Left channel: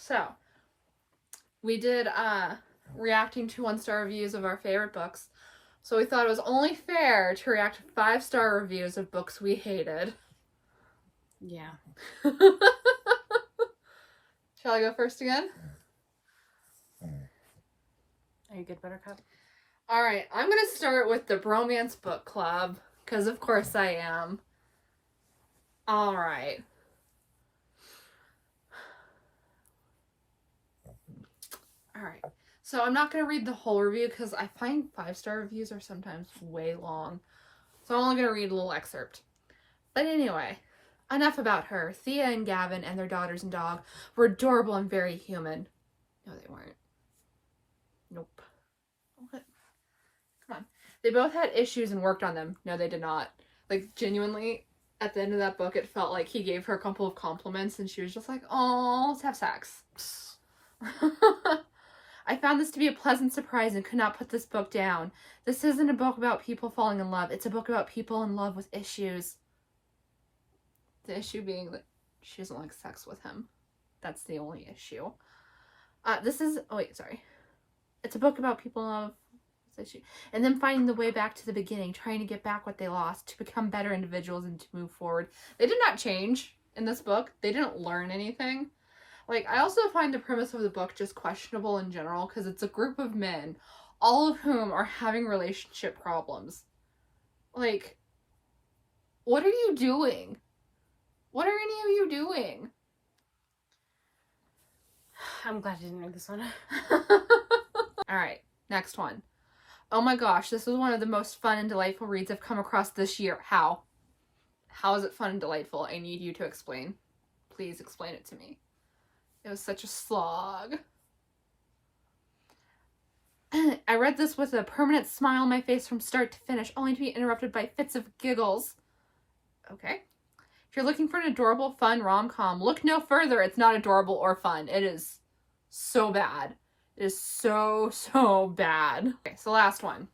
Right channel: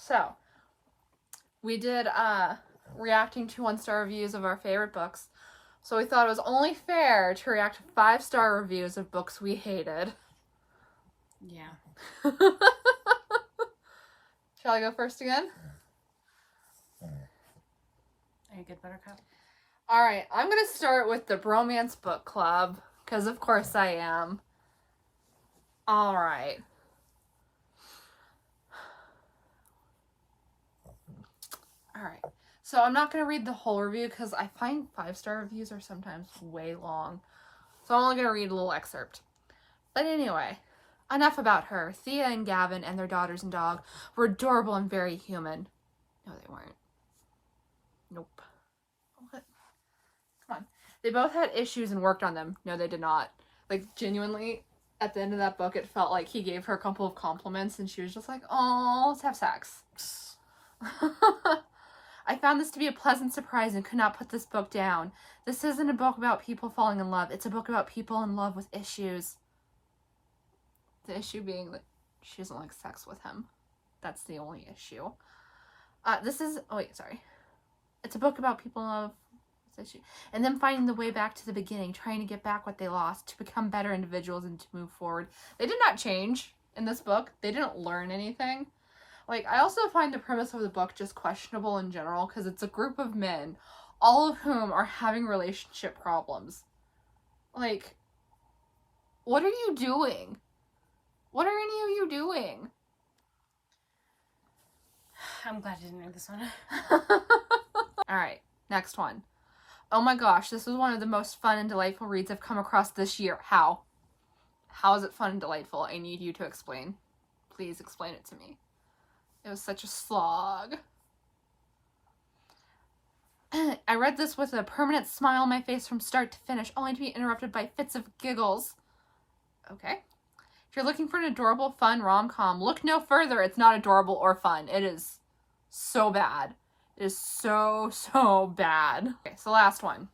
So, we did reacting to 1-star reviews of our favorite books. So we thought it was only fair to react to 5-star reviews of books we hated. Yeah. Shall I go first again? Are you good, Buttercup? Alright, I'm going to start with the Bromance Book Club, because of course I am. Alright. Alright, so I'm not going to read the whole review because I find 5-star reviews are sometimes way long. So I'm only going to read a little excerpt. But anyway, enough about her. Thea and Gavin and their daughters and dog were adorable and very human. No, they weren't. Nope. What? Come on. They both had issues and worked on them. No, they did not. Like, genuinely, at the end of that book, it felt like he gave her a couple of compliments and she was just like, oh, let's have sex. I found this to be a pleasant surprise and could not put this book down. This isn't a book about people falling in love. It's a book about people in love with issues. The issue being that she doesn't like sex with him. That's the only issue. It's a book about people in love with issues. And then finding the way back to the beginning, trying to get back what they lost, to become better individuals and to move forward. They did not change in this book. They didn't learn anything. Like, I also find the premise of the book just questionable in general, because it's a group of men, all of whom are having relationship problems. Like, what are you doing? What are any of you doing? I'm glad I didn't read this one. Alright, next one. Oh my gosh, this was one of the most fun and delightful reads I've come across this year. How? How is it fun and delightful? I need you to explain. Please explain it to me. It was such a slog. I read this with a permanent smile on my face from start to finish, only to be interrupted by fits of giggles. Okay. If you're looking for an adorable, fun rom-com, look no further. It's not adorable or fun. It is so bad. It is so bad. Okay, so last one.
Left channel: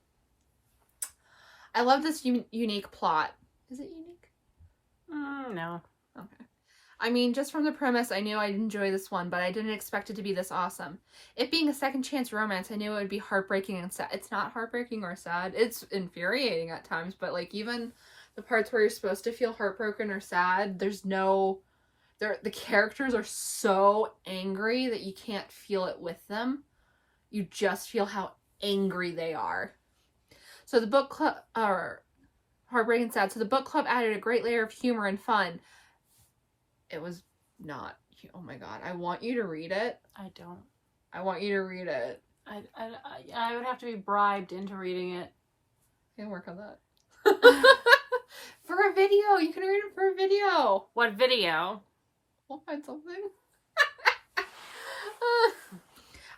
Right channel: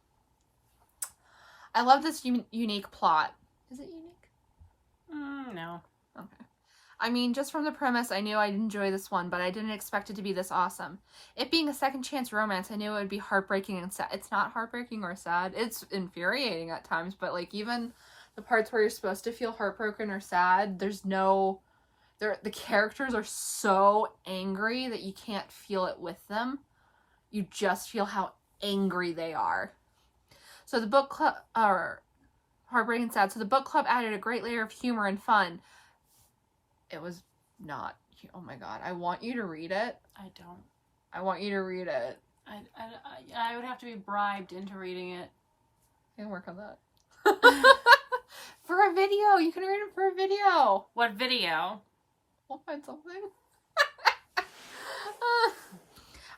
I love this unique plot. Is it unique? No. Okay. I mean, just from the premise, I knew I'd enjoy this one, but I didn't expect it to be this awesome. It being a second chance romance, I knew it would be heartbreaking and sad. It's not heartbreaking or sad. It's infuriating at times, but like even the parts where you're supposed to feel heartbroken or sad, the characters are so angry that you can't feel it with them. You just feel how angry they are. So the book club, heartbreaking and sad. So the book club added a great layer of humor and fun. It was not. Oh my god. I want you to read it. I don't. I want you to read it. I would have to be bribed into reading it. I can work on that. For a video. You can read it for a video. What video? We'll find something.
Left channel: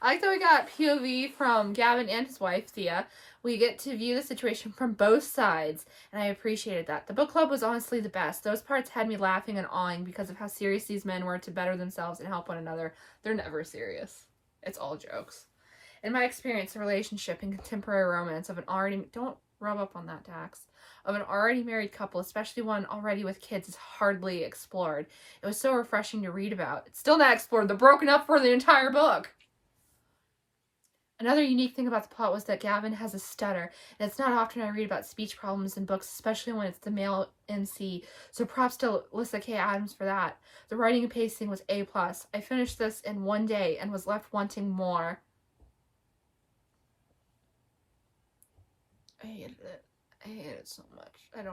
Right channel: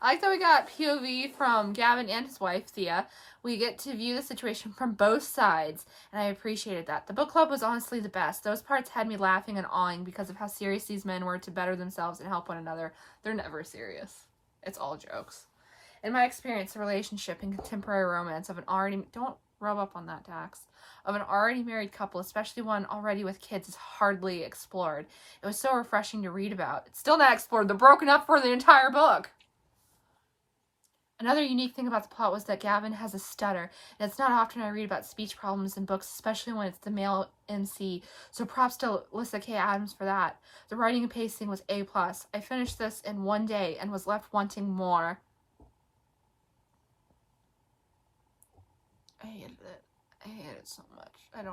I like that we got POV from Gavin and his wife, Thea. We get to view the situation from both sides, and I appreciated that. The book club was honestly the best. Those parts had me laughing and awing because of how serious these men were to better themselves and help one another. They're never serious. It's all jokes. In my experience, a relationship in contemporary romance of an already... Don't rub up on that, Dax. Of an already married couple, especially one already with kids, is hardly explored. It was so refreshing to read about. It's still not explored. They're broken up for the entire book. Another unique thing about the plot was that Gavin has a stutter, and it's not often I read about speech problems in books, especially when it's the male MC, so props to Alyssa K. Adams for that. The writing and pacing was A+. I finished this in one day and was left wanting more. I hated it. I hated it so much. I hated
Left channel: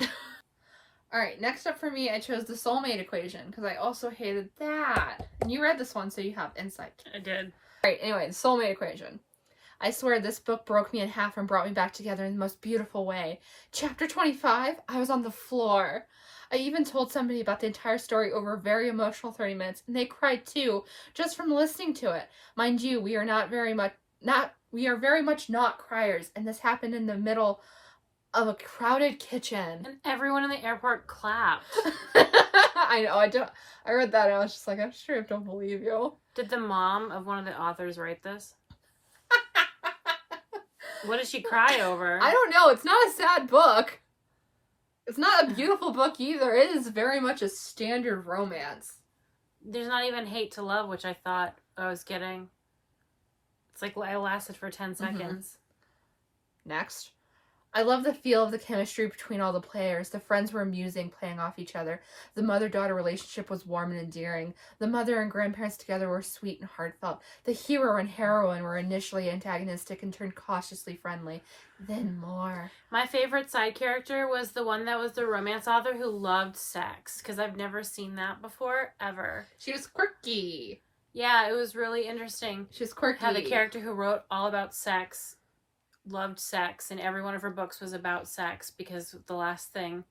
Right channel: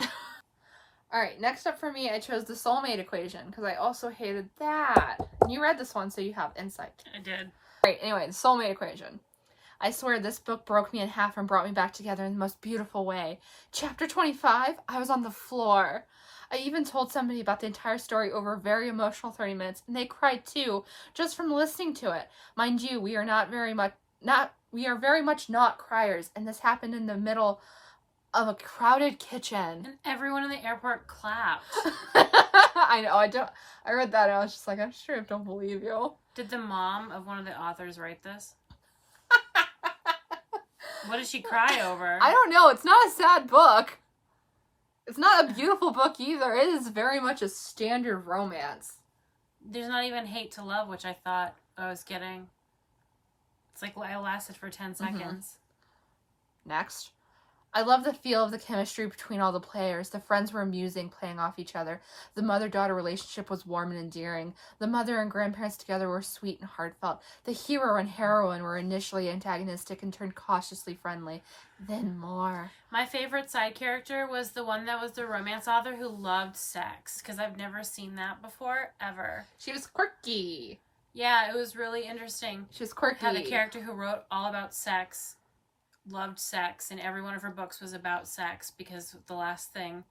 it. Alright, next up for me, I chose the Soulmate Equation, because I also hated that. And you read this one, so you have insight. I did. Alright, anyway, the Soulmate Equation. I swear this book broke me in half and brought me back together in the most beautiful way. Chapter 25, I was on the floor. I even told somebody about the entire story over a very emotional 30 minutes, and they cried too, just from listening to it. Mind you, we are very much not criers, and this happened in the middle of a crowded kitchen. And everyone in the airport clapped. I know, I read that and I was just like, I'm sure I don't believe you. Did the mom of one of the authors write this? What did she cry over? I don't know, it's not a sad book. It's not a beautiful book either. It is very much a standard romance. There's not even hate to love, which I thought I was getting. It's like it lasted for 10 seconds. Next. I love the feel of the chemistry between all the players. The friends were amusing, playing off each other. The mother-daughter relationship was warm and endearing. The mother and grandparents together were sweet and heartfelt. The hero and heroine were initially antagonistic and turned cautiously friendly. Then more. My favorite side character was the one that was the romance author who loved sex, because I've never seen that before, ever. She was quirky. Yeah, it was really interesting. She was quirky. How the character who wrote all about sex loved sex, and every one of her books was about sex, because the last thing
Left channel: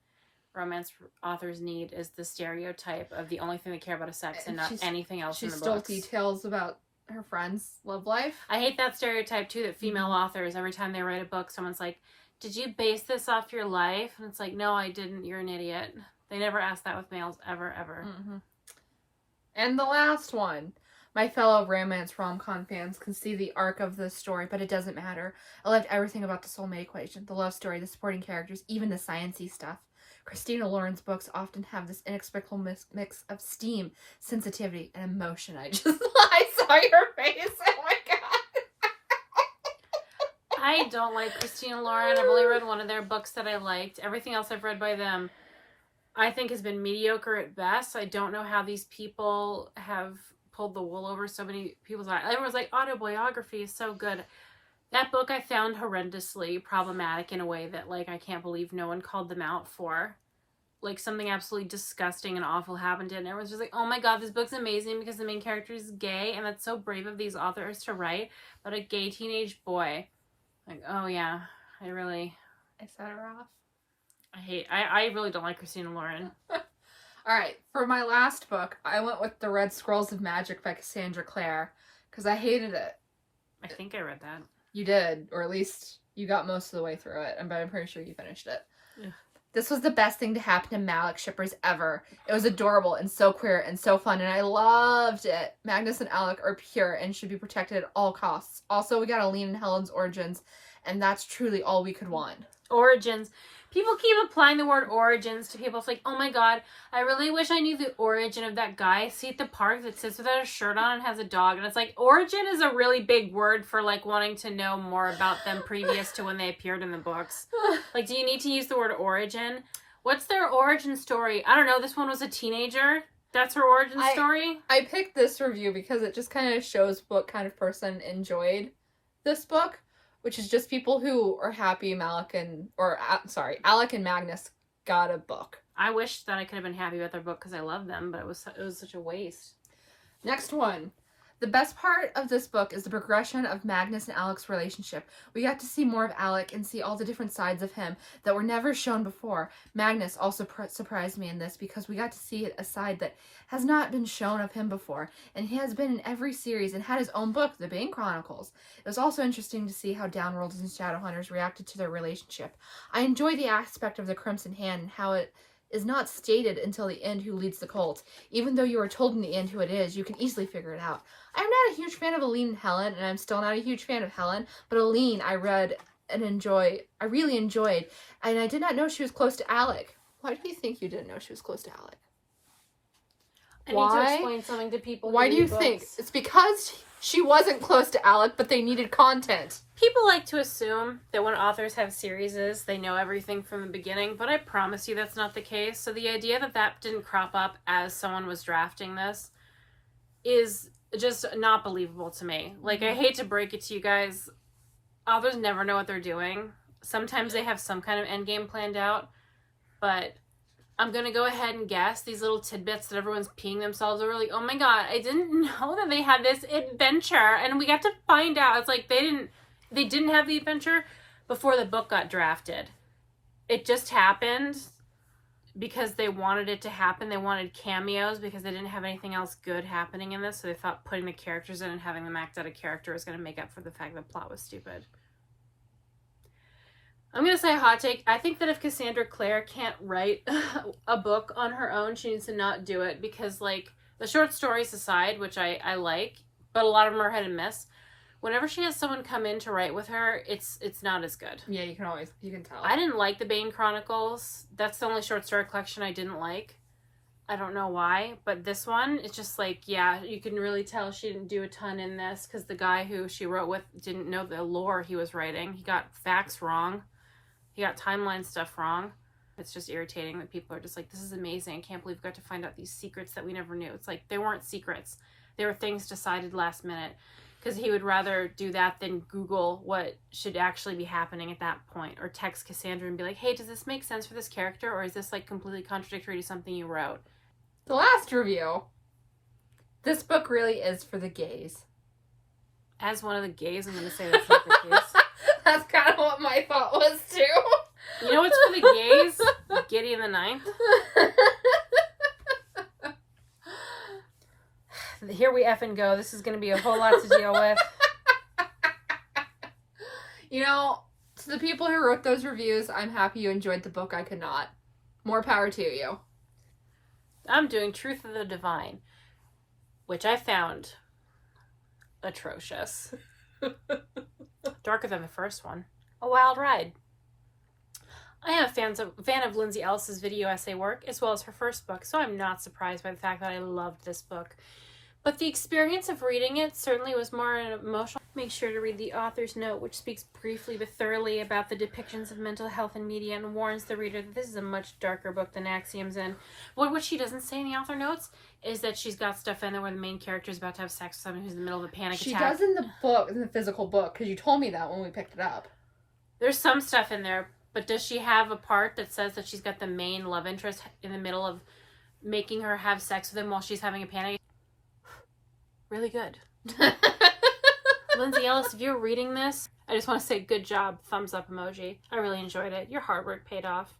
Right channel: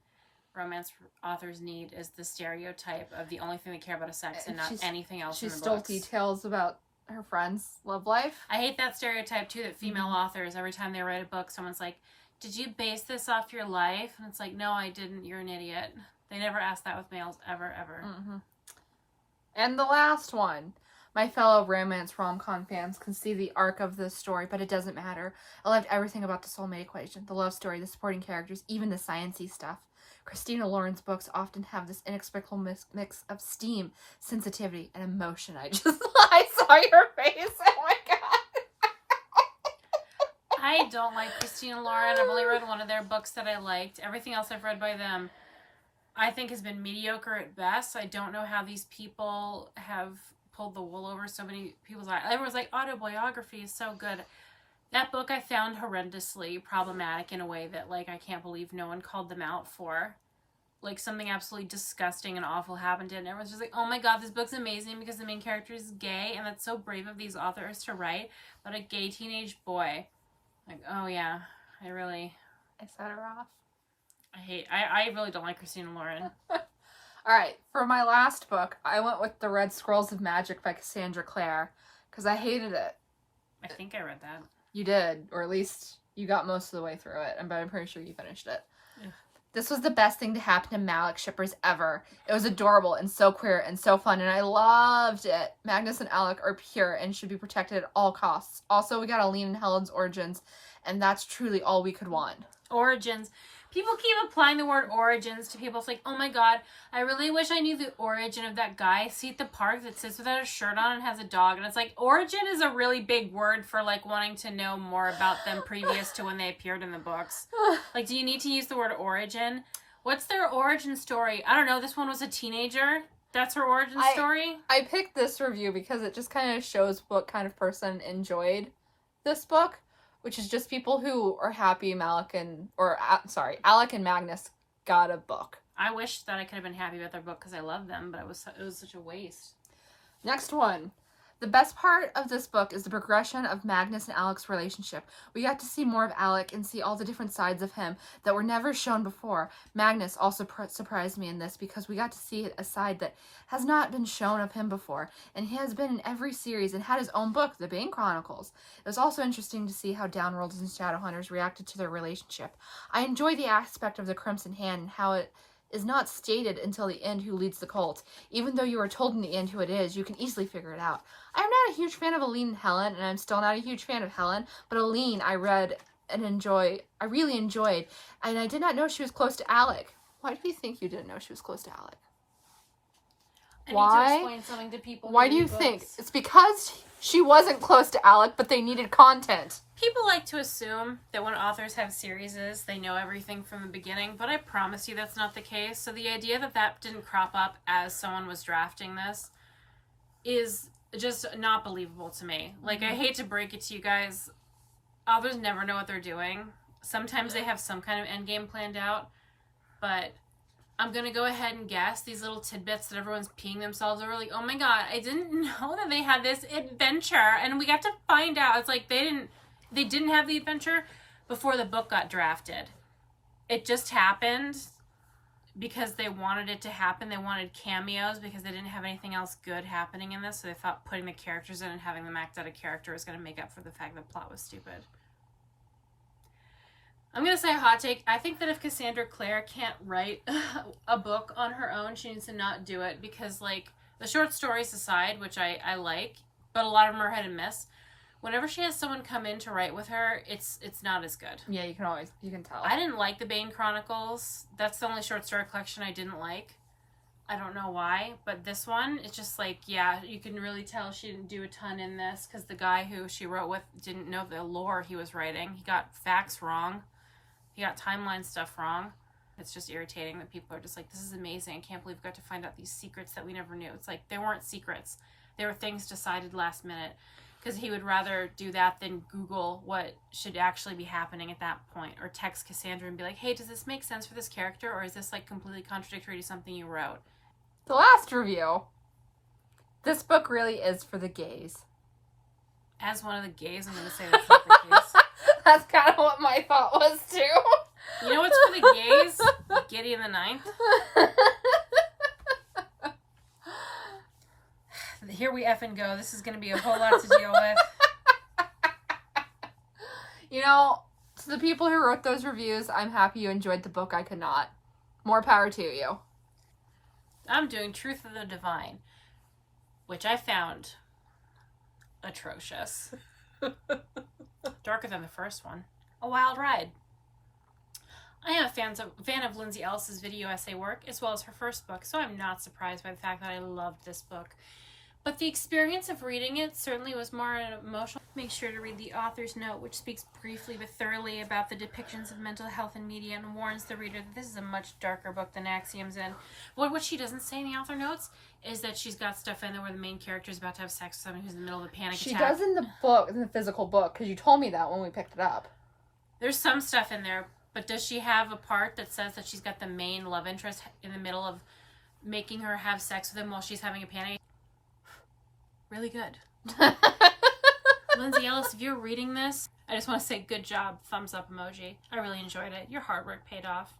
romance authors need is the stereotype of the only thing they care about is sex and not anything else in the books. She stole details about her friend's love life. I hate that stereotype too, that female authors, every time they write a book, someone's like, did you base this off your life? And it's like, no, I didn't. You're an idiot. They never ask that with males, ever, ever. And the last one. My fellow romance rom-com fans can see the arc of this story, but it doesn't matter. I loved everything about the Soulmate Equation, the love story, the supporting characters, even the sciencey stuff. Christina Lauren's books often have this inexplicable mix of steam, sensitivity, and emotion. I saw your face. Oh my god. I don't like Christina Lauren. I've only read one of their books that I liked. Everything else I've read by them, I think, has been mediocre at best. I don't know how these people have pulled the wool over so many people's eyes. Everyone's like, autobiography is so good. That book I found horrendously problematic in a way that, like, I can't believe no one called them out for. Like, something absolutely disgusting and awful happened to it, and everyone's just like, oh my god, this book's amazing because the main character is gay, and that's so brave of these authors to write, but a gay teenage boy. Like, oh yeah, I set her off. I really don't like Christina Lauren. Alright, for my last book, I went with The Red Squirrels of Magic by Cassandra Clare, because I hated it. I think I read that. You did, or at least you got most of the way through it, but I'm pretty sure you finished it. Ugh. This was the best thing to happen to Malik shippers ever. It was adorable and so queer and so fun, and I loved it. Magnus and Alec are pure and should be protected at all costs. Also, we got Aline and Helen's origins, and that's truly all we could want. Origins. People keep applying the word origins to people. It's like, oh my god, I really wish I knew the origin of that guy I see at the park that sits without a shirt on and has a dog. And it's like, origin is a really big word for, like, wanting to know more about them previous to when they appeared in the books. Like, do you need to use the word origin? What's their origin story? I don't know. This one was a teenager. That's her origin story? I picked this review because it just kind of shows what kind of person enjoyed this book. Which is just people who are happy Alec and Magnus got a book. I wish that I could have been happy with their book because I love them, but it was such a waste. Next one. The best part of this book is the progression of Magnus and Alec's relationship. We got to see more of Alec and see all the different sides of him that were never shown before. Magnus also surprised me in this because we got to see a side that has not been shown of him before. And he has been in every series and had his own book, The Bane Chronicles. It was also interesting to see how Downworlders and Shadowhunters reacted to their relationship. I enjoy the aspect of the Crimson Hand and how it is not stated until the end who leads the cult. Even though you are told in the end who it is, you can easily figure it out. I'm not a huge fan of Aline and Helen, and I'm still not a huge fan of Helen, but Aline I read and I really enjoyed, and I did not know she was close to Alec. Why do you think you didn't know she was close to Alec? I need to explain something to people. Why do you think? It's because she wasn't close to Alec, but they needed content. People like to assume that when authors have series, they know everything from the beginning, but I promise you that's not the case. So the idea that that didn't crop up as someone was drafting this is just not believable to me. Like, I hate to break it to you guys, authors never know what they're doing. Sometimes they have some kind of end game planned out, but I'm going to go ahead and guess these little tidbits that everyone's peeing themselves over, like, oh my god, I didn't know that they had this adventure, and we got to find out. It's like they didn't have the adventure before the book got drafted. It just happened because they wanted it to happen. They wanted cameos because they didn't have anything else good happening in this, so they thought putting the characters in and having them act out a character was going to make up for the fact that the plot was stupid. I'm going to say a hot take. I think that if Cassandra Clare can't write a book on her own, she needs to not do it because, like, the short stories aside, which I like, but a lot of them are hit and miss, Whenever she has someone come in to write with her, it's not as good. Yeah, you can tell. I didn't like the Bane Chronicles. That's the only short story collection I didn't like. I don't know why, but this one, it's just like, yeah, you can really tell she didn't do a ton in this because the guy who she wrote with didn't know the lore he was writing. He got facts wrong. He got timeline stuff wrong. It's just irritating that people are just like, this is amazing. I can't believe we got to find out these secrets that we never knew. It's like, they weren't secrets. They were things decided last minute. Because he would rather do that than Google what should actually be happening at that point. Or text Cassandra and be like, hey, does this make sense for this character? Or is this like completely contradictory to something you wrote? The last review. This book really is for the gays. As one of the gays, I'm going to say that's not the case. That's kind of what my thought was too. You know what's for the gays? Gideon the Ninth. Here we effing go. This is going to be a whole lot to deal with. You know, to the people who wrote those reviews, I'm happy you enjoyed the book. I could not. More power to you. I'm doing Truth of the Divine, which I found atrocious. Darker than the first one. A wild ride. I am a fan of Lindsay Ellis's video essay work, as well as her first book, so I'm not surprised by the fact that I loved this book. But the experience of reading it certainly was more emotional. Make sure to read the author's note, which speaks briefly but thoroughly about the depictions of mental health in media and warns the reader that this is a much darker book than Axioms. And what she doesn't say in the author notes is that she's got stuff in there where the main character is about to have sex with someone who's in the middle of a panic attack. She does in the book, in the physical book, because you told me that when we picked it up. There's some stuff in there, but does she have a part that says that she's got the main love interest in the middle of making her have sex with him while she's having a panic? Really good. Lindsay Ellis, if you're reading this, I just want to say good job, thumbs up emoji. I really enjoyed it. Your hard work paid off.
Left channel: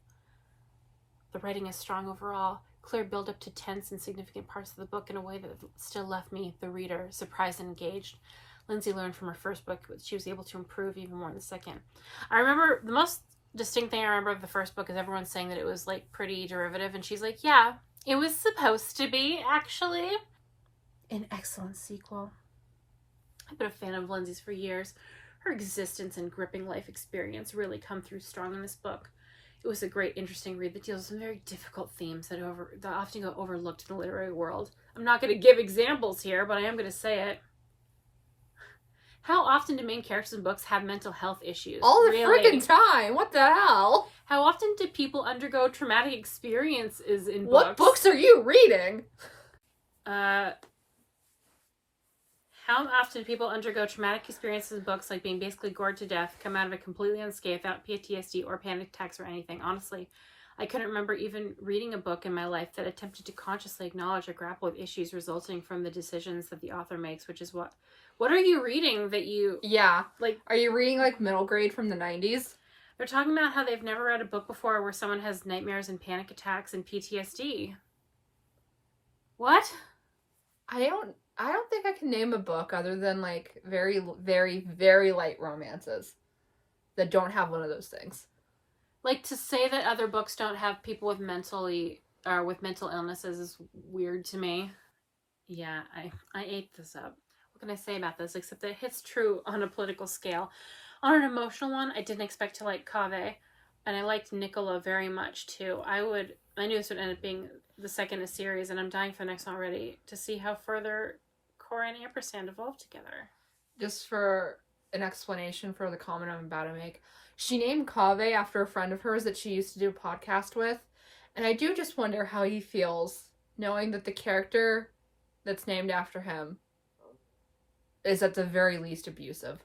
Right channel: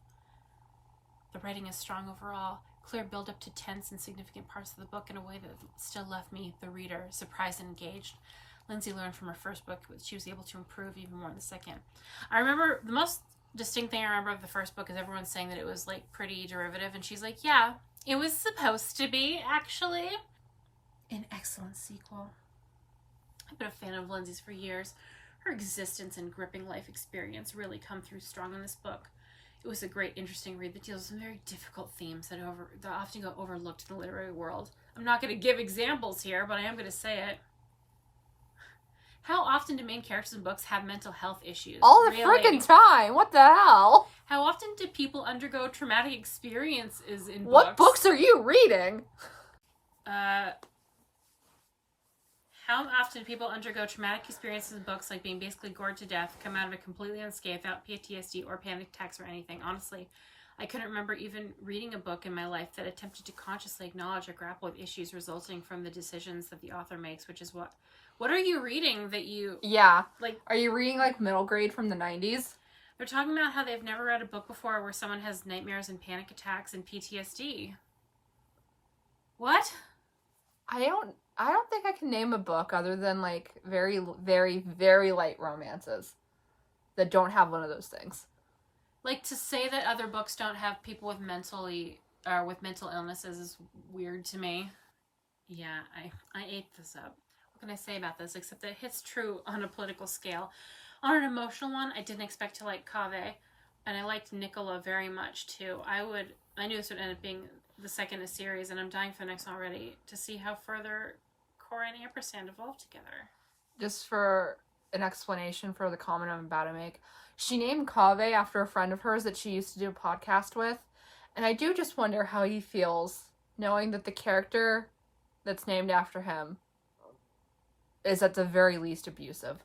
The writing is strong overall. Clear build up to tense and significant parts of the book in a way that still left me, the reader, surprised and engaged. Lindsay learned from her first book, but she was able to improve even more in the second. I remember, the most distinct thing I remember of the first book is everyone saying that it was like pretty derivative, and she's like, yeah, it was supposed to be, actually. An excellent sequel. I've been a fan of Lindsay's for years. Her existence and gripping life experience really come through strong in this book. It was a great, interesting read that deals with some very difficult themes that often go overlooked in the literary world. I'm not going to give examples here, but I am going to say it. How often do main characters in books have mental health issues? All the freaking time. What the hell? How often do people undergo traumatic experiences in books? What books are you reading? How often do people undergo traumatic experiences in books, like being basically gored to death, come out of it completely unscathed without PTSD or panic attacks or anything? Honestly, I couldn't remember even reading a book in my life that attempted to consciously acknowledge or grapple with issues resulting from the decisions that the author makes, which is what are you reading that you... Yeah. Like, are you reading, like, middle grade from the 90s? They're talking about how they've never read a book before where someone has nightmares and panic attacks and PTSD. What? I don't think I can name a book other than, like, very, very, very light romances that don't have one of those things. Like, to say that other books don't have people with mental illnesses is weird to me. Yeah, I ate this up. What can I say about this except that it hits true on a political scale. On an emotional one, I didn't expect to like Cave, and I liked Nicole very much, too. I knew this would end up being the second in a series, and I'm dying for the next one already to see how further Cora and Ampersand evolve together. Just for an explanation for the comment I'm about to make, she named Cave after a friend of hers that she used to do a podcast with, and I do just wonder how he feels knowing that the character that's named after him is at the very least abusive.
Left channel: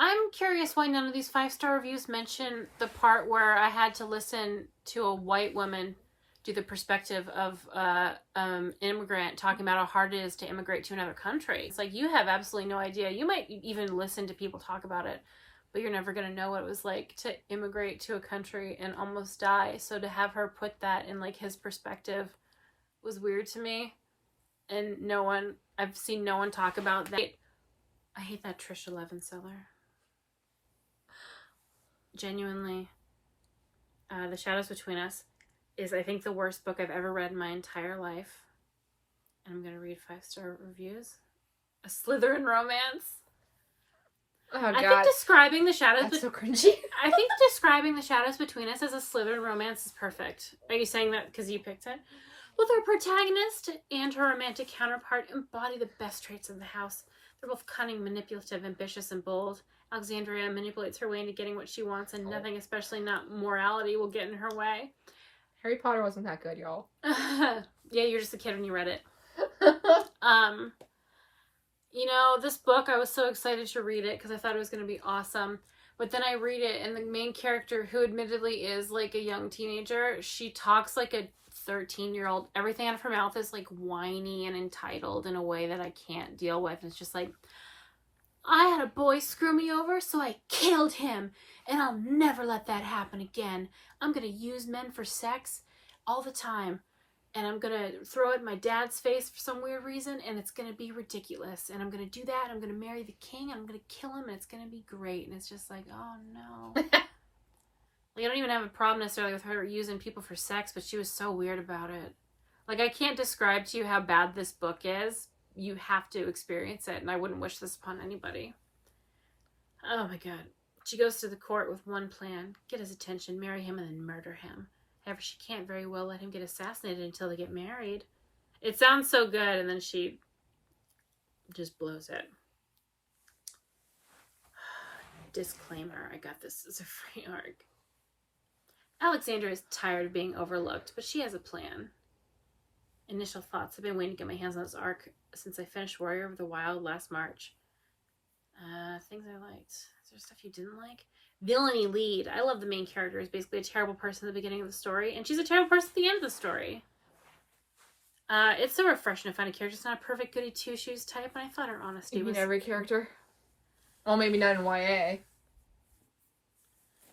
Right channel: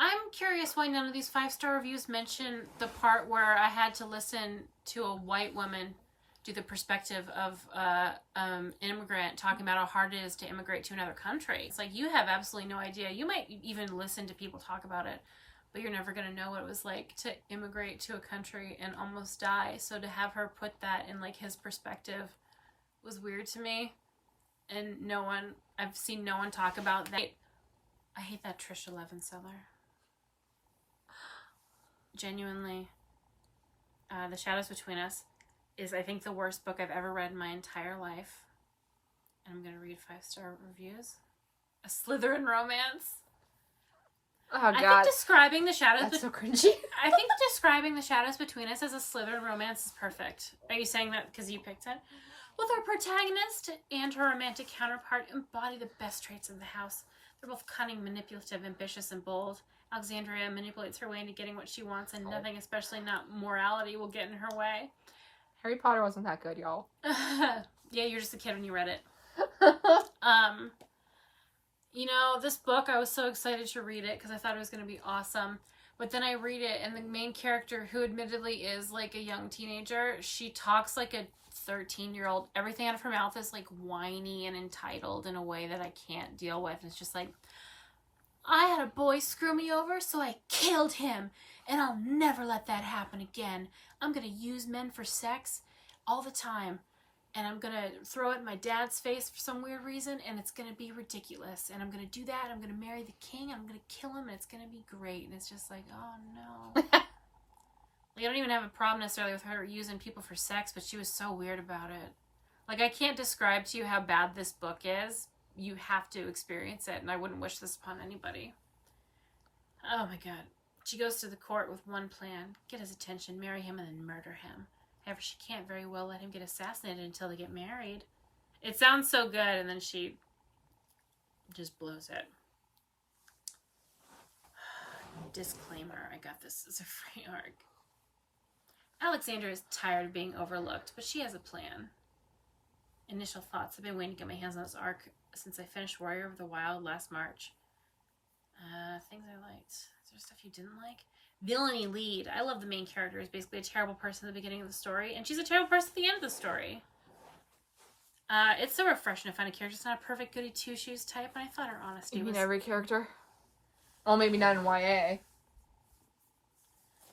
I'm curious why none of these 5-star reviews mention the part where I had to listen to a white woman do the perspective of an immigrant talking about how hard it is to immigrate to another country. It's like, you have absolutely no idea. You might even listen to people talk about it, but you're never going to know what it was like to immigrate to a country and almost die. So to have her put that in, like, his perspective was weird to me. And I've seen no one talk about that. I hate that Trisha Levenseller. Genuinely, The Shadows Between Us is, I think, the worst book I've ever read in my entire life. And I'm going to read 5-star reviews. A Slytherin romance. Oh, I God. think describing the shadows... That's so cringy. I think describing the shadows between us as a Slytherin romance is perfect. Are you saying that because you picked it? Both our protagonist and her romantic counterpart embody the best traits of the house. They're both cunning, manipulative, ambitious, and bold. Alexandria manipulates her way into getting what she wants, and nothing, especially not morality, will get in her way. Harry Potter wasn't that good, y'all. Yeah, you're just a kid when you read it. You know, this book, I was so excited to read it because I thought it was going to be awesome. But then I read it, and the main character, who admittedly is like a young teenager, she talks like a 13-year-old. Everything out of her mouth is like whiny and entitled in a way that I can't deal with. It's just like, I had a boy screw me over, so I killed him, and I'll never let that happen again. I'm going to use men for sex all the time, and I'm going to throw it in my dad's face for some weird reason, and it's going to be ridiculous, and I'm going to do that, I'm going to marry the king, and I'm going to kill him, and it's going to be great. And it's just like, oh no. Like, I don't even have a problem necessarily with her using people for sex, but she was so weird about it. Like, I can't describe to you how bad this book is. You have to experience it, and I wouldn't wish this upon anybody. Oh my god. She goes to the court with one plan: get his attention, marry him, and then murder him. However, she can't very well let him get assassinated until they get married. It sounds so good, and then she just blows it. Disclaimer, I got this as a free arc. Alexandra is tired of being overlooked, but she has a plan. Initial thoughts: I've been waiting to get my hands on this arc since I finished Warrior of the Wild last March. Things I liked. Is there stuff you didn't like? Villainy lead. I love the main character is basically a terrible person at the beginning of the story, and she's a terrible person at the end of the story. It's so refreshing to find a character that's not a perfect goody two-shoes type, and I thought her honesty You was... mean every character? Well, maybe not in YA.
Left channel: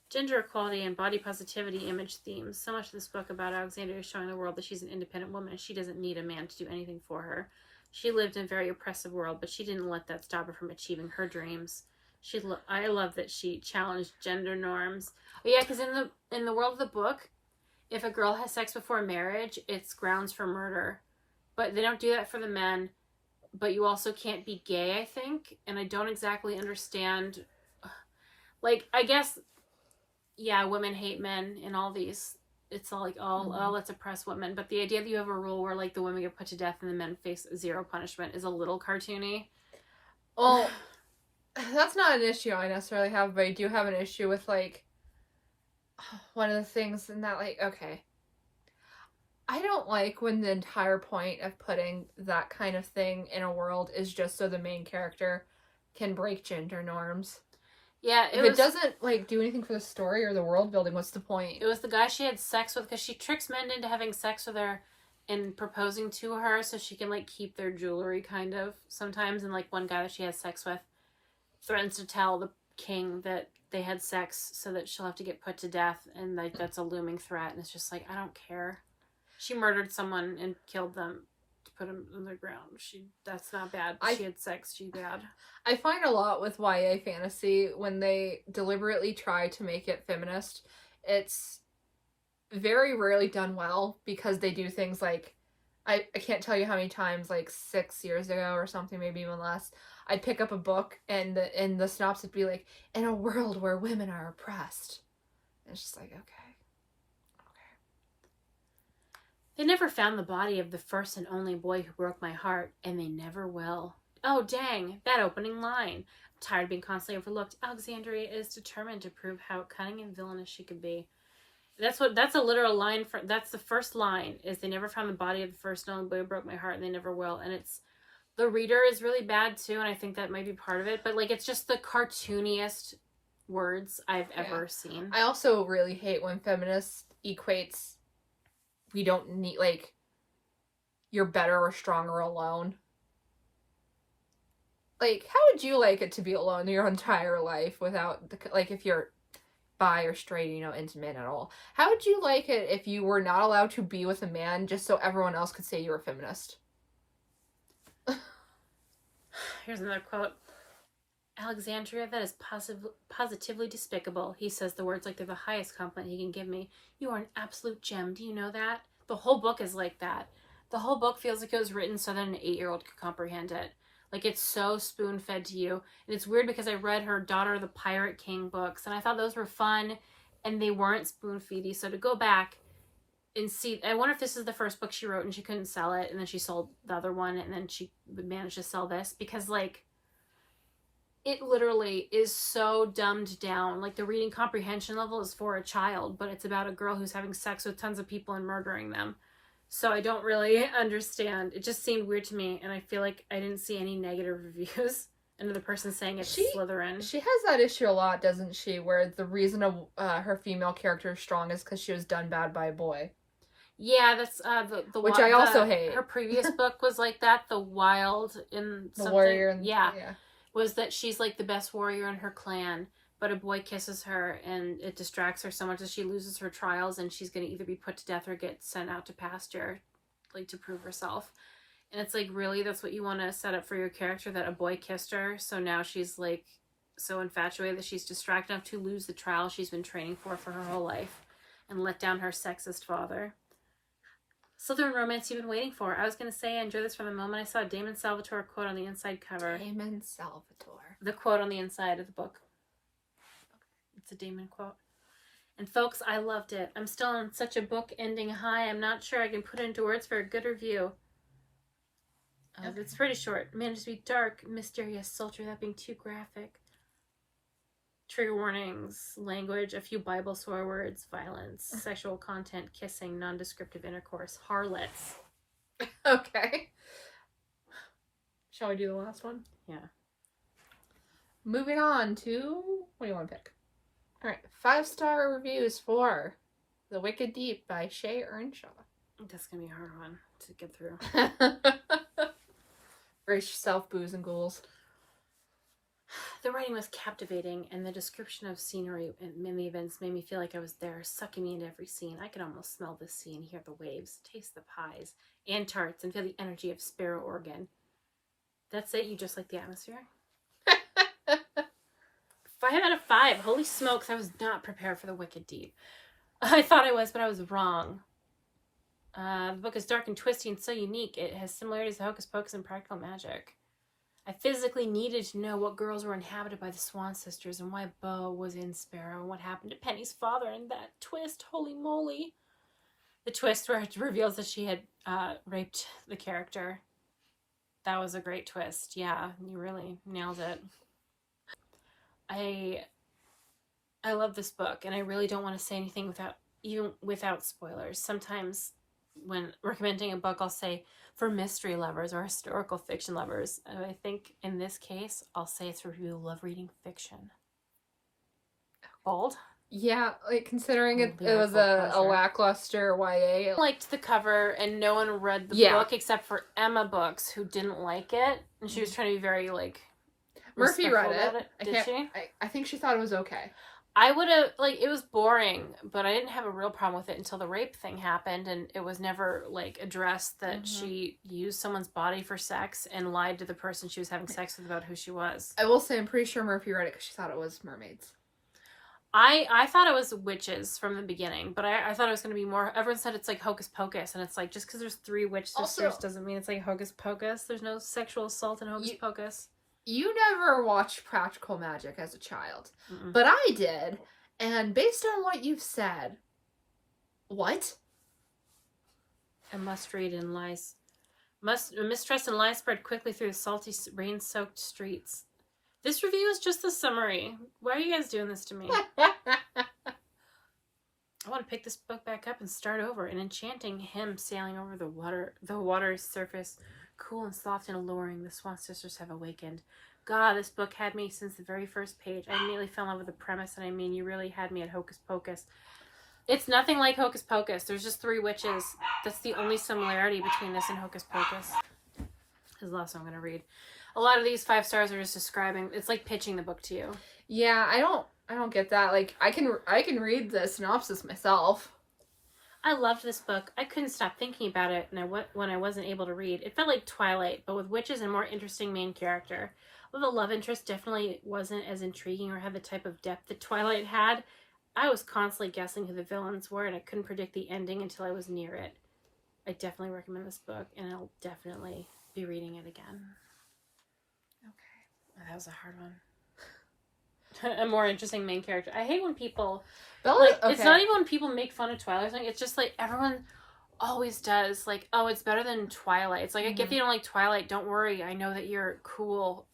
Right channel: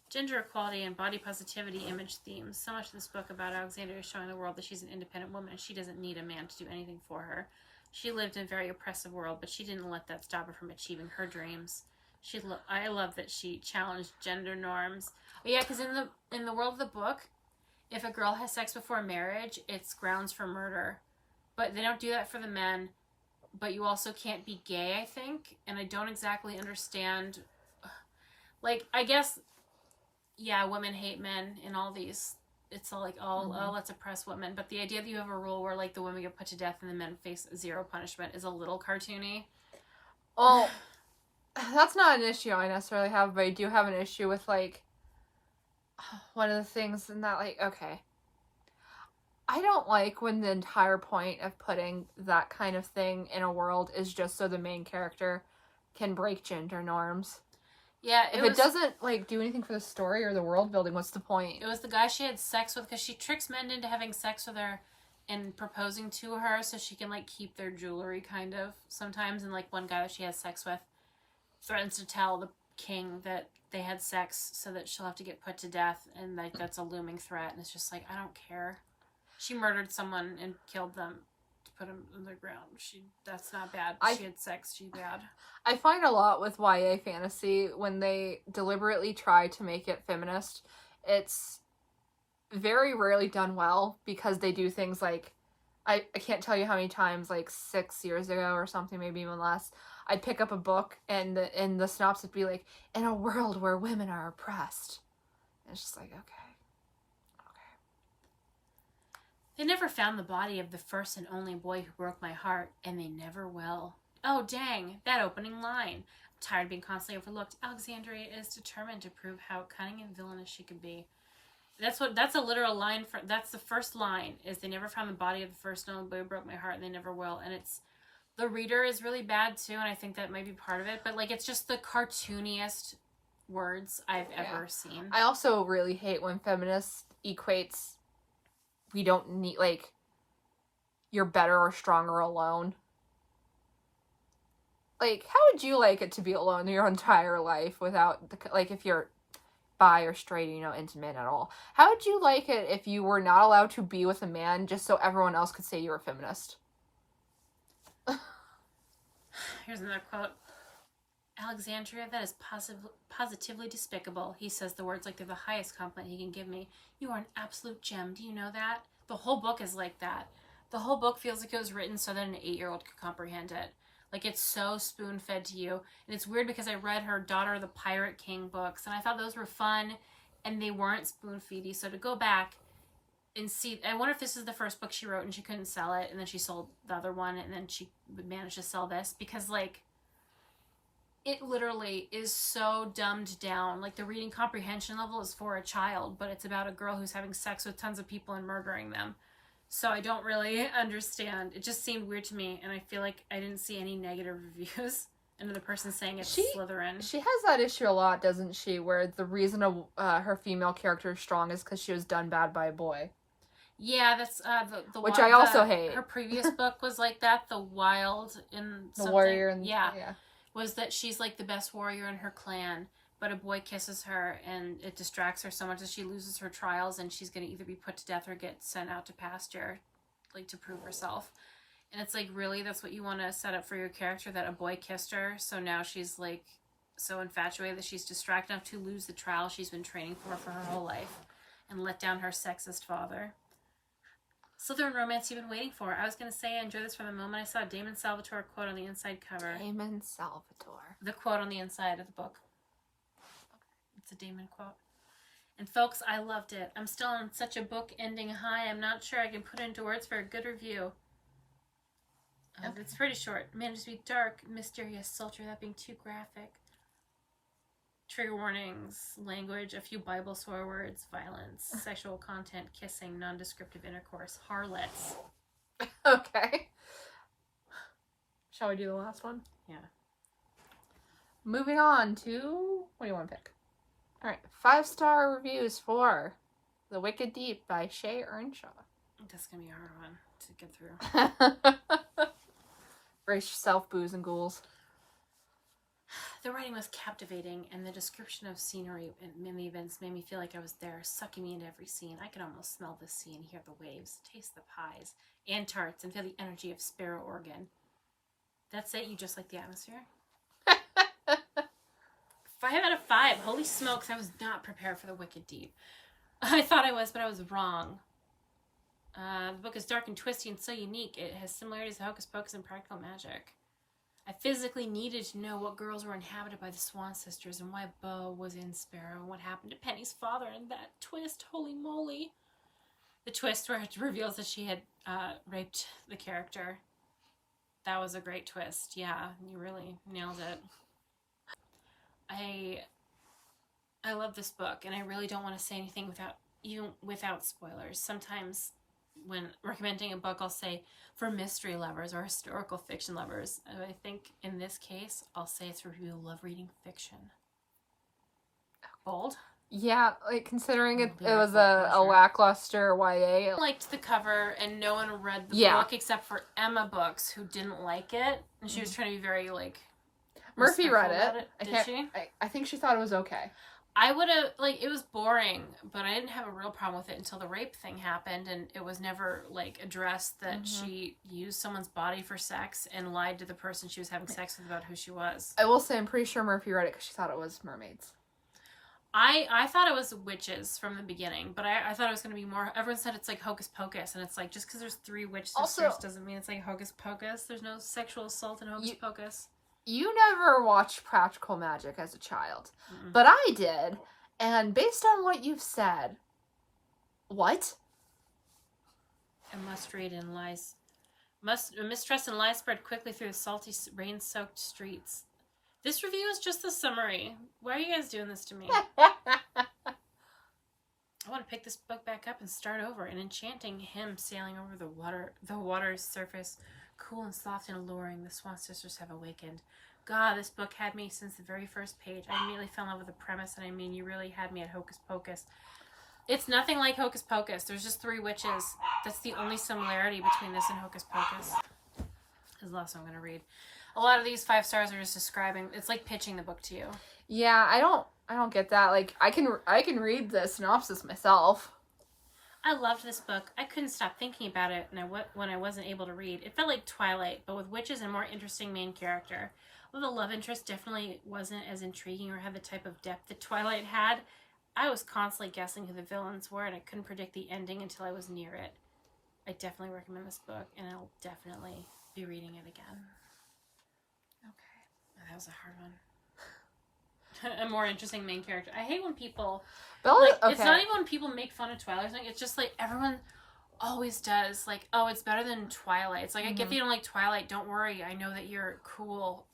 Gender equality and body positivity image themes. So much of this book about Alexandria is showing the world that she's an independent woman and she doesn't need a man to do anything for her. She lived in a very oppressive world, but she didn't let that stop her from achieving her dreams. I love that she challenged gender norms. Oh, yeah, because in the world of the book, if a girl has sex before marriage, it's grounds for murder. But they don't do that for the men. But you also can't be gay, I think. And I don't exactly understand. Like, I guess, yeah, women hate men in all these. It's all like, oh, let's oppress women. But the idea that you have a rule where, like, the women get put to death and the men face zero punishment is a little cartoony. Well, that's not an issue I necessarily have, but I do have an issue with, like, one of the things in that, like, okay. I don't like when the entire point of putting that kind of thing in a world is just so the main character can break gender norms. Yeah, if it doesn't, like, do anything for the story or the world building, what's the point? It was the guy she had sex with, because she tricks men into having sex with her and proposing to her so she can, like, keep their jewelry, kind of, sometimes. And, like, one guy that she has sex with threatens to tell the king that they had sex so that she'll have to get put to death, and, like, that's a looming threat. And it's just like, I don't care. She murdered someone and killed them to put them in the ground. That's not bad. She had sex. She's bad. I find a lot with YA fantasy, when they deliberately try to make it feminist, it's very rarely done well, because they do things like, I can't tell you how many times, like 6 years ago or something, maybe even less, I'd pick up a book and the synopsis would be like, in a world where women are oppressed. And it's just like, okay. They never found the body of the first and only boy who broke my heart, and they never will. Oh, dang, that opening line. I'm tired of being constantly overlooked. Alexandria is determined to prove how cunning and villainous she could be. That's a literal line. That's the first line, is they never found the body of the first and only boy who broke my heart, and they never will. And the reader is really bad, too, and I think that might be part of it. But, like, it's just the cartooniest words I've ever seen. I also really hate when feminist equates, we don't need, like, you're better or stronger alone. Like, how would you like it to be alone your entire life without, like, if you're bi or straight, into men at all? How would you like it if you were not allowed to be with a man just so everyone else could say you were a feminist? Here's another quote. Alexandria, that is positively despicable. He says the words like they're the highest compliment he can give me. You are an absolute gem. Do you know that? The whole book is like that. The whole book feels like it was written so that an 8-year-old could comprehend it. Like, it's so spoon-fed to you. And it's weird because I read her Daughter of the Pirate King books, and I thought those were fun, and they weren't spoon-feedy. So to go back and see, I wonder if this is the first book she wrote and she couldn't sell it, and then she sold the other one, and then she would manage to sell this. Because, like, it literally is so dumbed down. Like, the reading comprehension level is for a child, but it's about a girl who's having sex with tons of people and murdering them. So I don't really understand. It just seemed weird to me, and I feel like I didn't see any negative reviews. And the person saying it's Slytherin. She has that issue a lot, doesn't she? Where the reason her female character is strong is because she was done bad by a boy. Yeah, that's the which I also hate. Her previous book was like that. The Wild in the warrior. Yeah, was that she's like the best warrior in her clan, but a boy kisses her and it distracts her so much that she loses her trials, and she's going to either be put to death or get sent out to pasture, like, to prove herself. And it's like, really, that's what you want to set up for your character, that a boy kissed her, so now she's like so infatuated that she's distracted enough to lose the trial she's been training for her whole life and let down her sexist father. Slytherin romance you've been waiting for. I was going to say I enjoyed this from the moment I saw Damon Salvatore quote on the inside cover. Damon Salvatore. The quote on the inside of the book. It's a Damon quote. And folks, I loved it. I'm still on such a book ending high. I'm not sure I can put it into words for a good review. Okay. It's pretty short. Managed to be dark, mysterious, sultry without being too graphic. Trigger warnings, language, a few Bible swear words, violence, sexual content, kissing, non-descriptive intercourse, harlots. Okay. Shall we do the last one? Yeah. Moving on to... What do you want to pick? Alright, 5-star reviews for The Wicked Deep by Shea Earnshaw. That's going to be a hard one to get through. Brace yourself, booze and ghouls. The writing was captivating, and the description of scenery and the events made me feel like I was there, sucking me into every scene. I could almost smell the sea and hear the waves, taste the pies and tarts, and feel the energy of Sparrow, Oregon. That's it? You just like the atmosphere? 5 out of 5. Holy smokes, I was not prepared for The Wicked Deep. I thought I was, but I was wrong. The book is dark and twisty and so unique. It has similarities to Hocus Pocus and Practical Magic. I physically needed to know what girls were inhabited by the Swan Sisters and why Bo was in Sparrow and what happened to Penny's father and that twist. Holy moly. The twist where it reveals that she had raped the character. That was a great twist. Yeah, you really nailed it. I love this book, and I really don't want to say anything without spoilers. Sometimes when recommending a book, I'll say for mystery lovers or historical fiction lovers. And I think in this case, I'll say it's for people who love reading fiction. Bold? Yeah, like considering it was a lackluster YA. I liked the cover, and no one read the book except for Emma Books, who didn't like it. And she was trying to be very, like, Murphy read it. Did she? I think she thought it was okay. I would have, like, it was boring, but I didn't have a real problem with it until the rape thing happened, and it was never, like, addressed that she used someone's body for sex and lied to the person she was having sex with about who she was. I will say I'm pretty sure Murphy read it because she thought it was mermaids. I thought it was witches from the beginning, but I thought it was going to be more, everyone said it's like Hocus Pocus, and it's like, just because there's 3 witch sisters doesn't mean it's like Hocus Pocus. There's no sexual assault in Hocus Pocus. You never watched Practical Magic as a child, but I did, and based on what you've said, what? A mistrust and lies spread quickly through the salty, rain-soaked streets. This review is just a summary. Why are you guys doing this to me? I want to pick this book back up and start over. An enchanting hymn sailing over the water's surface, cool and soft and alluring. The Swan Sisters have awakened. God, this book had me since the very first page. I immediately fell in love with the premise, and I mean, you really had me at Hocus Pocus. It's nothing like Hocus Pocus. There's just 3 witches. That's the only similarity between this and Hocus Pocus. This is the last one I'm going to read. A lot of these 5 stars are just describing, it's like pitching the book to you. Yeah, I don't get that. Like, I can read the synopsis myself. I loved this book. I couldn't stop thinking about it when I wasn't able to read. It felt like Twilight, but with witches and a more interesting main character. Although the love interest definitely wasn't as intriguing or had the type of depth that Twilight had, I was constantly guessing who the villains were, and I couldn't predict the ending until I was near it. I definitely recommend this book, and I'll definitely be reading it again. That was a hard one. A more interesting main character. I hate when people... Bella, like, it's not even when people make fun of Twilight. It's just, like, everyone always does. Like, oh, it's better than Twilight. It's like, I get that you don't like Twilight. Don't worry. I know that you're cool.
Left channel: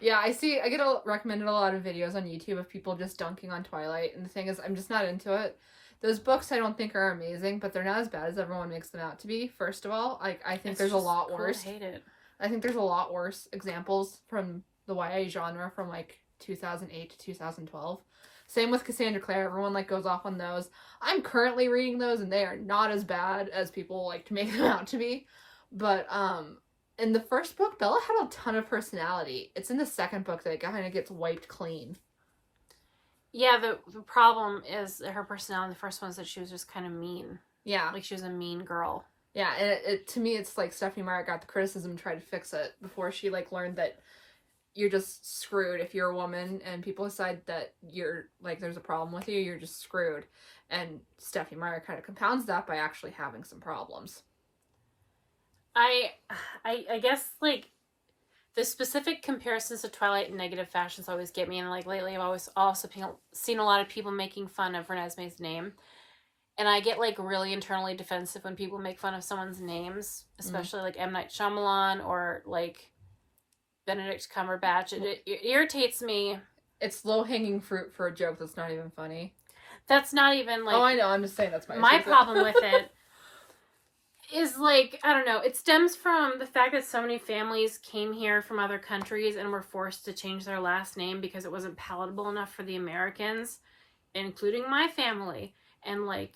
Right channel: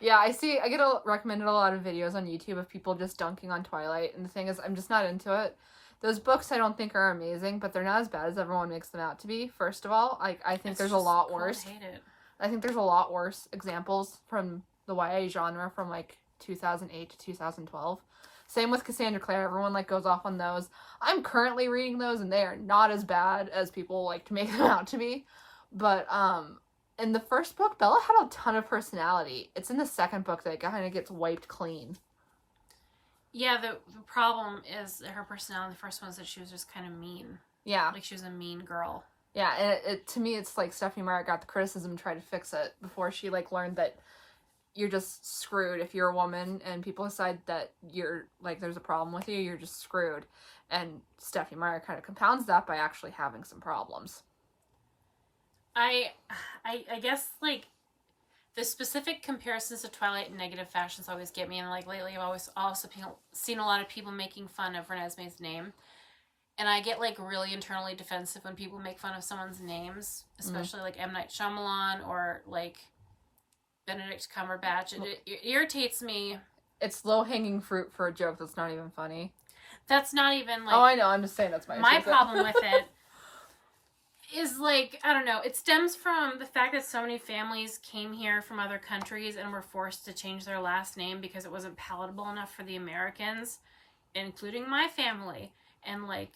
Yeah, I get recommended a lot of videos on YouTube of people just dunking on Twilight. And the thing is, I'm just not into it. Those books I don't think are amazing, but they're not as bad as everyone makes them out to be, first of all. I think there's a lot worse. I hate it. I think there's a lot worse examples from the YA genre from, like, 2008 to 2012. Same with Cassandra Clare. Everyone, like, goes off on those. I'm currently reading those, and they are not as bad as people like to make them out to be. But, in the first book, Bella had a ton of personality. It's in the second book that it kind of gets wiped clean. Yeah, the problem is her personality in the first one is that she was just kind of mean. Yeah. Like, she was a mean girl. Yeah, and it to me, it's like Stephanie Meyer got the criticism and tried to fix it before she, like, learned that you're just screwed if you're a woman and people decide that you're, like, there's a problem with you, you're just screwed. And Stephanie Meyer kind of compounds that by actually having some problems. I guess, like, the specific comparisons to Twilight in negative fashions always get me, and, like, lately I've always also seen a lot of people making fun of Renesmee's name, and I get, like, really internally defensive when people make fun of someone's names, especially, like, M. Night Shyamalan or, like, Benedict Cumberbatch. It irritates me. It's low-hanging fruit for a joke that's not even funny. That's not even, like... Oh, I know, I'm just saying that's my problem with it. Is, like, I don't know, it stems from the fact that so many families came here from other countries and were forced to change their last name because it wasn't palatable enough for the Americans, including my family. And, like,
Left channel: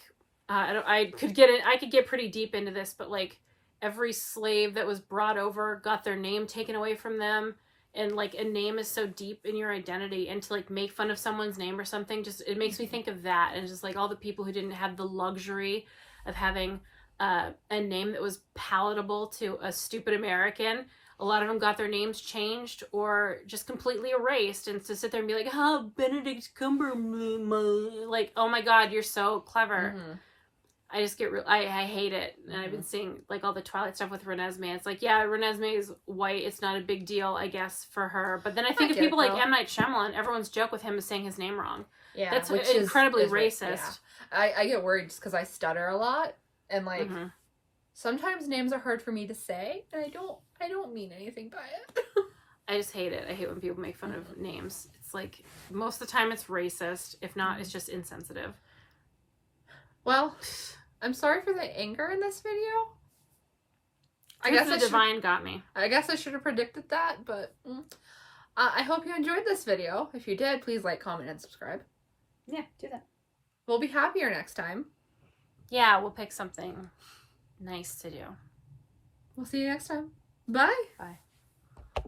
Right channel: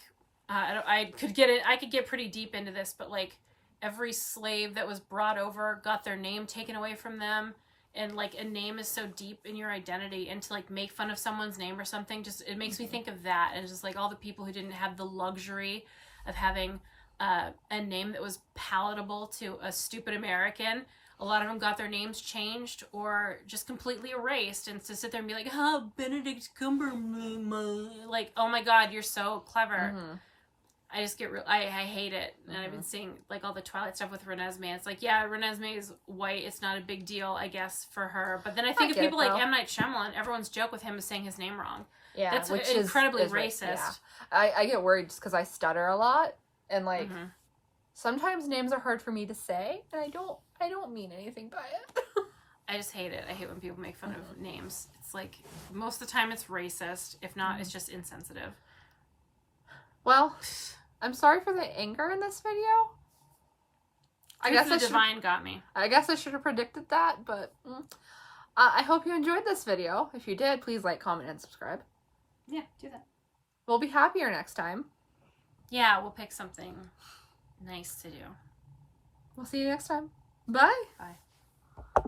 I could get pretty deep into this, but, like, every slave that was brought over got their name taken away from them. And, like, a name is so deep in your identity, and to, like, make fun of someone's name or something, just, it makes me think of that. And just, like, all the people who didn't have the luxury of having a name that was palatable to a stupid American. A lot of them got their names changed or just completely erased, and to sit there and be like, oh, Benedict Cumberbatch, like, oh my god, you're so clever. Mm-hmm. I just get I hate it. And I've been seeing, like, all the Twilight stuff with Renesmee. It's like, yeah, Renesmee is white. It's not a big deal, I guess, for her. But then I think of people like M. Night Shyamalan. Everyone's joke with him is saying his name wrong. Yeah, that's incredibly racist. Yeah. I get worried just because I stutter a lot. And, like, sometimes names are hard for me to say, and I don't mean anything by it. I just hate it. I hate when people make fun of names. It's like, most of the time it's racist. If not, it's just insensitive. Well, I'm sorry for the anger in this video. I guess the divine got me. I guess I should have predicted that, but I hope you enjoyed this video. If you did, please like, comment, and subscribe. Yeah, do that. We'll be happier next time. Yeah, we'll pick something nice to do. We'll see you next time. Bye. Bye.